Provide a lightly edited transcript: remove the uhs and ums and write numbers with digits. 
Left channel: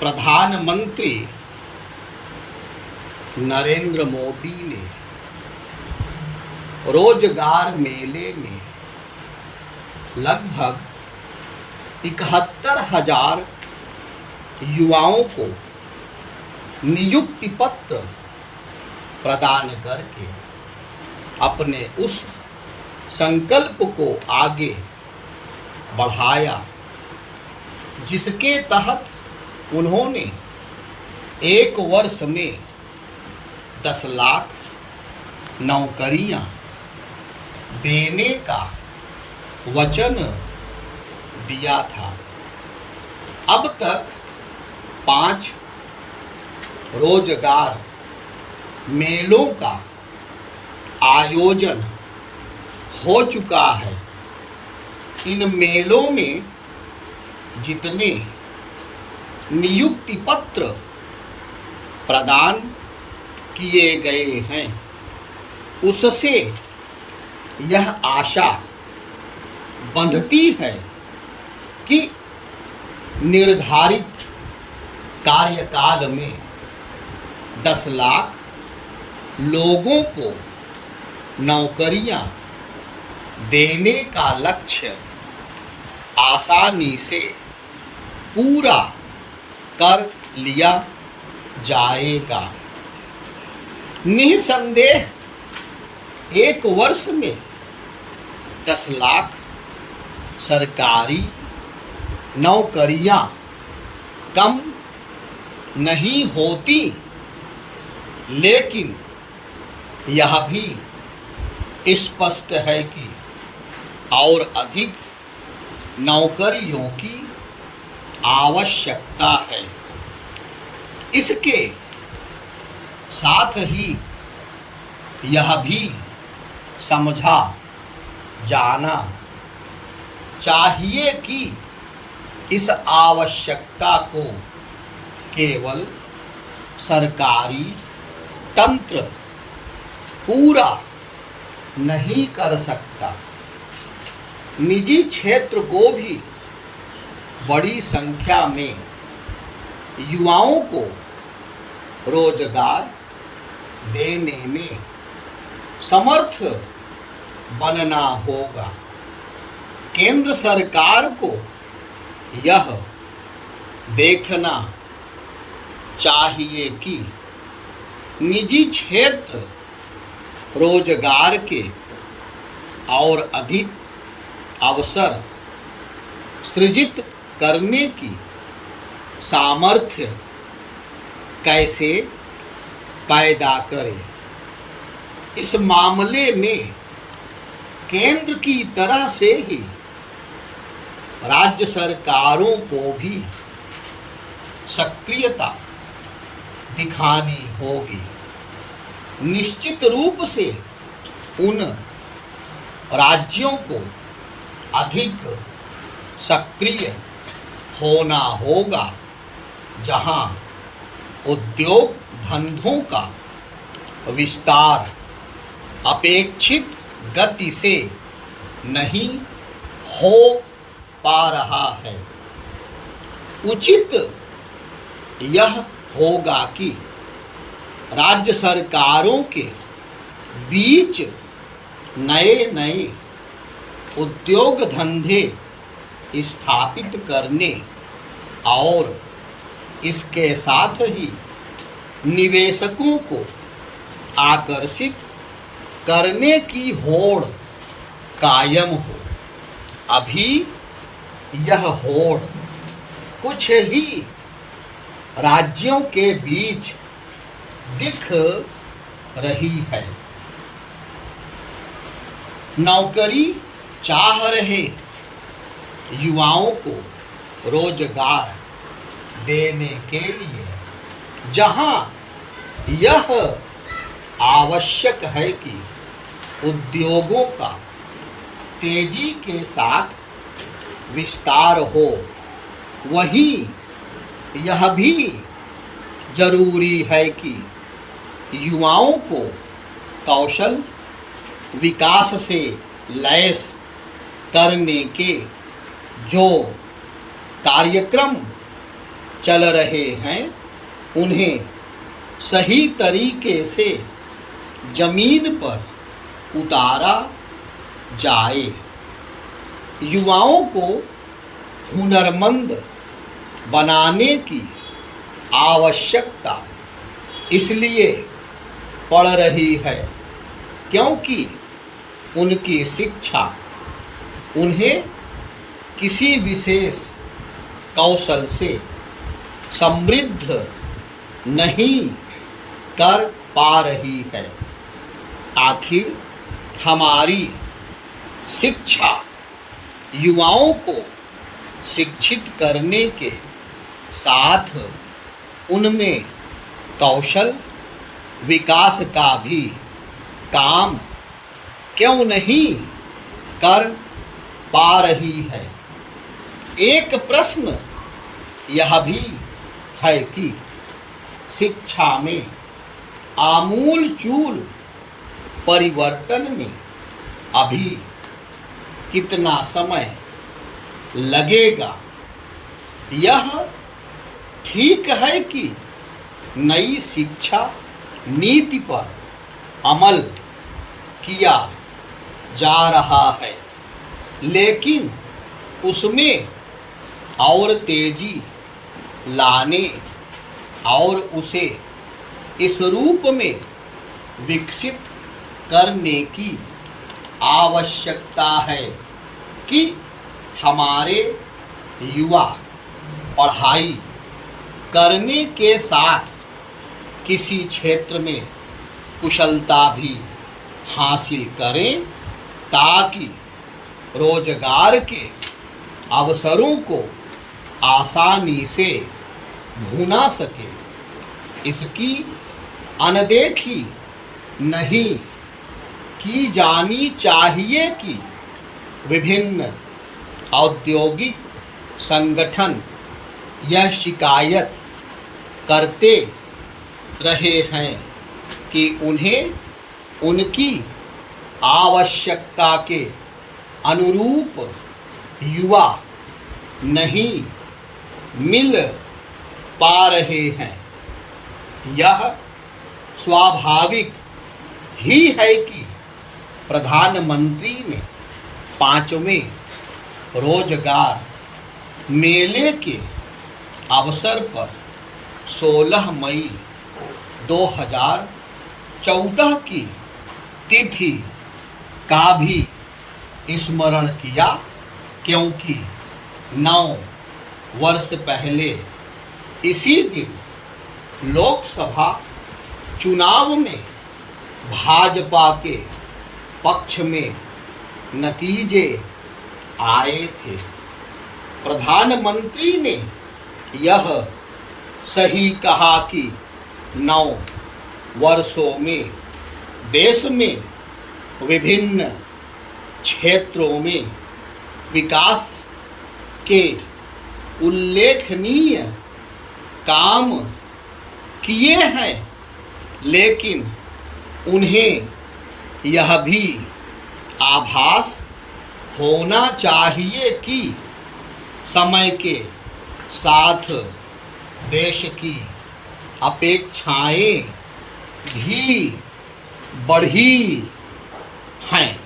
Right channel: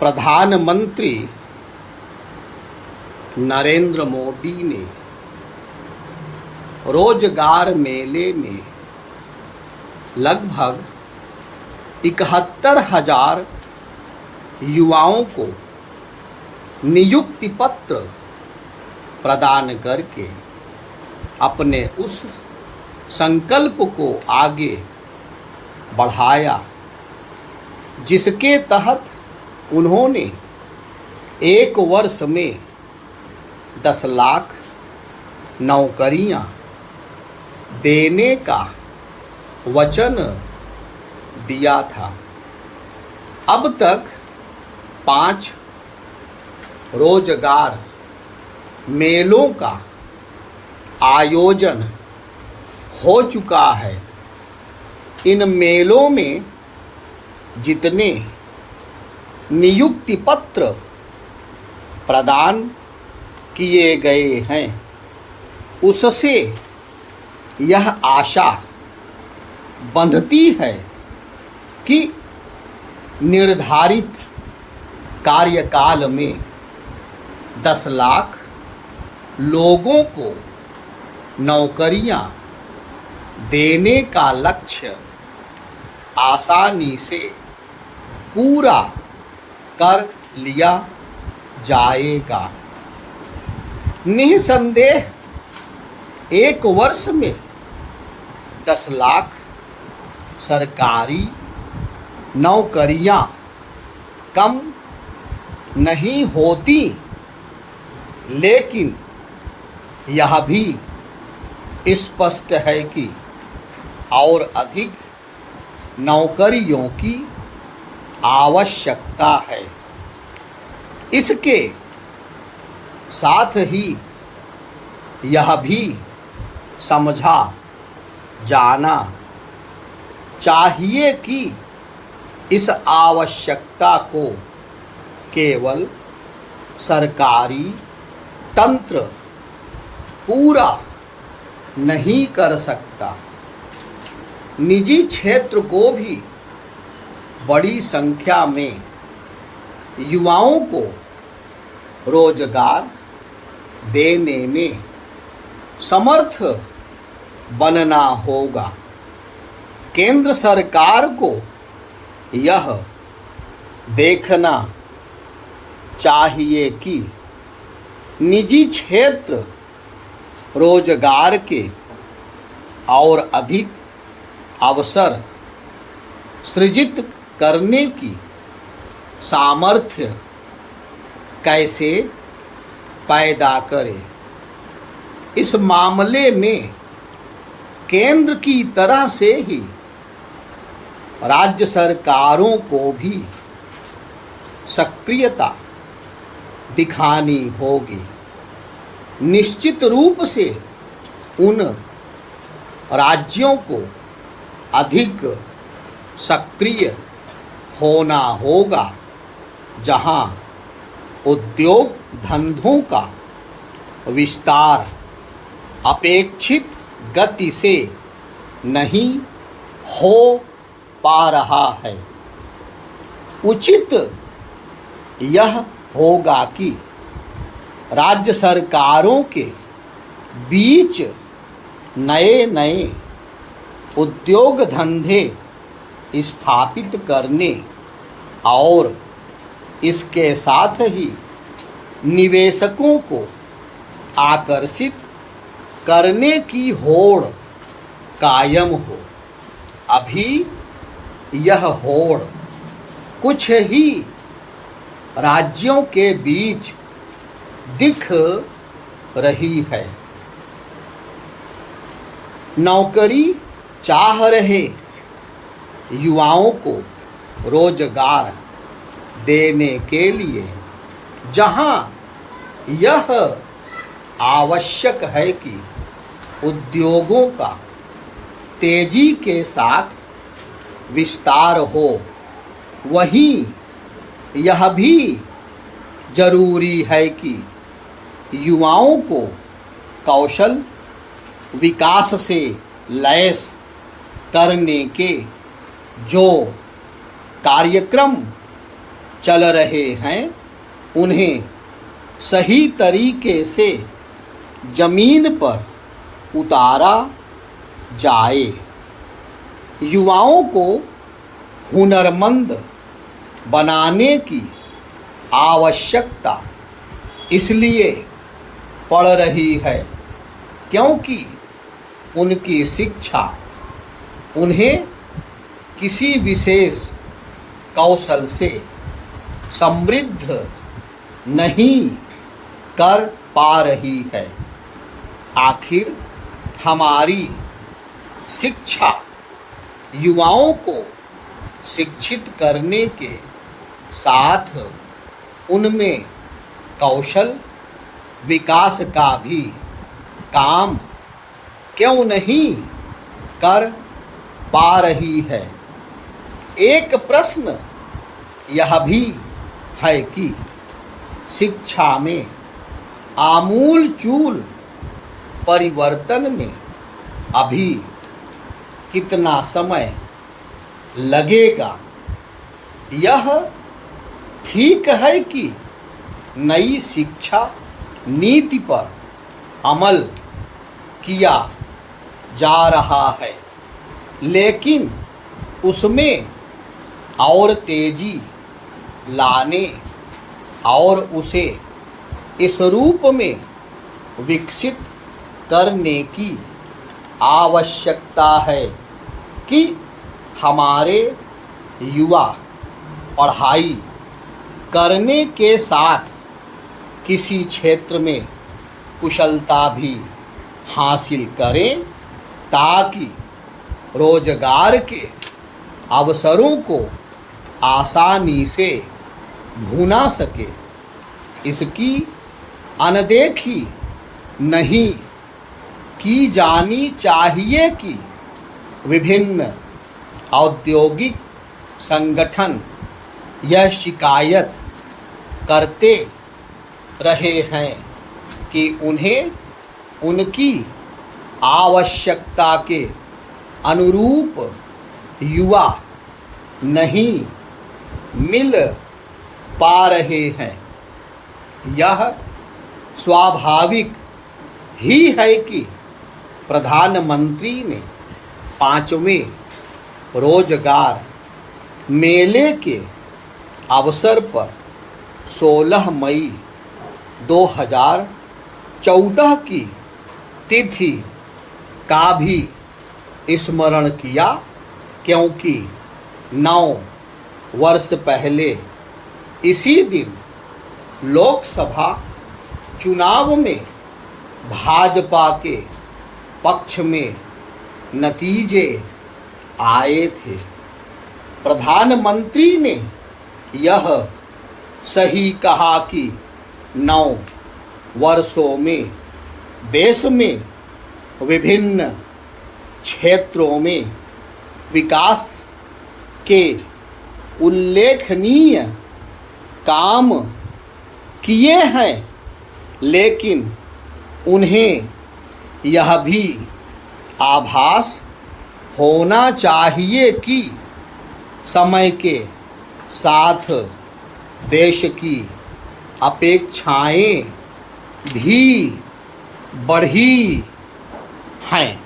प्रधानमंत्री नरेंद्र मोदी ने रोजगार मेले में लगभग 71,000 युवाओं को नियुक्ति पत्र प्रदान करके अपने उस संकल्प को आगे बढ़ाया जिसके तहत उन्होंने एक वर्ष में 10 लाख नौकरियां देने का वचन दिया था। अब तक 5 रोजगार मेलों का आयोजन हो चुका है। इन मेलों में जितने नियुक्ति पत्र प्रदान किए गए हैं उससे यह आशा बंधती है कि निर्धारित कार्यकाल में 10 लाख लोगों को नौकरियां देने का लक्ष्य आसानी से पूरा कर लिया जाएगा। निसंदेह एक वर्ष में 10 लाख सरकारी नौकरियां कम नहीं होती, लेकिन यह भी स्पष्ट है कि और अधिक नौकरियों की आवश्यकता है। इसके साथ ही यह भी समझा जाना चाहिए कि इस आवश्यकता को केवल सरकारी तंत्र पूरा नहीं कर सकता। निजी क्षेत्र को भी बड़ी संख्या में युवाओं को रोजगार देने में समर्थ बनना होगा। केंद्र सरकार को यह देखना चाहिए कि निजी क्षेत्र रोजगार के और अधिक अवसर सृजित करने की सामर्थ्य कैसे पैदा करे। इस मामले में केंद्र की तरह से ही राज्य सरकारों को भी सक्रियता दिखानी होगी। निश्चित रूप से उन राज्यों को अधिक सक्रिय होना होगा जहां उद्योग धंधों का विस्तार अपेक्षित गति से नहीं हो पा रहा है। उचित यह होगा कि राज्य सरकारों के बीच नए नए उद्योग धंधे स्थापित करने और इसके साथ ही निवेशकों को आकर्षित करने की होड़ कायम हो। अभी यह होड़ कुछ ही राज्यों के बीच दिख रही है। नौकरी चाह रहे युवाओं को रोजगार देने के लिए जहां यह आवश्यक है कि उद्योगों का तेजी के साथ विस्तार हो, वहीं यह भी जरूरी है कि युवाओं को कौशल विकास से लैस करने के जो कार्यक्रम चल रहे हैं उन्हें सही तरीके से जमीन पर उतारा जाए। युवाओं को हुनरमंद बनाने की आवश्यकता इसलिए पड़ रही है क्योंकि उनकी शिक्षा उन्हें किसी विशेष कौशल से समृद्ध नहीं कर पा रही है। आखिर हमारी शिक्षा युवाओं को शिक्षित करने के साथ उनमें कौशल विकास का भी काम क्यों नहीं कर पा रही है। एक प्रश्न यह भी है कि शिक्षा में आमूल चूल परिवर्तन में अभी कितना समय लगेगा। यह ठीक है कि नई शिक्षा नीति पर अमल किया जा रहा है, लेकिन उसमें और तेजी लाने और उसे इस रूप में विकसित करने की आवश्यकता है कि हमारे युवा पढ़ाई करने के साथ किसी क्षेत्र में कुशलता भी हासिल करें ताकि रोजगार के अवसरों को आसानी से ढूंढा सके। इसकी अनदेखी नहीं की जानी चाहिए कि विभिन्न औद्योगिक संगठन यह शिकायत करते रहे हैं कि उन्हें उनकी आवश्यकता के अनुरूप युवा नहीं मिल पा रहे हैं। यह स्वाभाविक ही है कि प्रधानमंत्री ने 5वें रोजगार मेले के अवसर पर 16 मई 2014 की तिथि का भी स्मरण किया, क्योंकि 9 वर्ष पहले इसी दिन लोकसभा चुनाव में भाजपा के पक्ष में नतीजे आए थे। प्रधानमंत्री ने यह सही कहा कि 9 वर्षों में देश में विभिन्न क्षेत्रों में विकास के उल्लेखनीय काम किए हैं, लेकिन उन्हें यह भी आभास होना चाहिए कि समय के साथ देश की अपेक्षाएं भी बढ़ी हैं।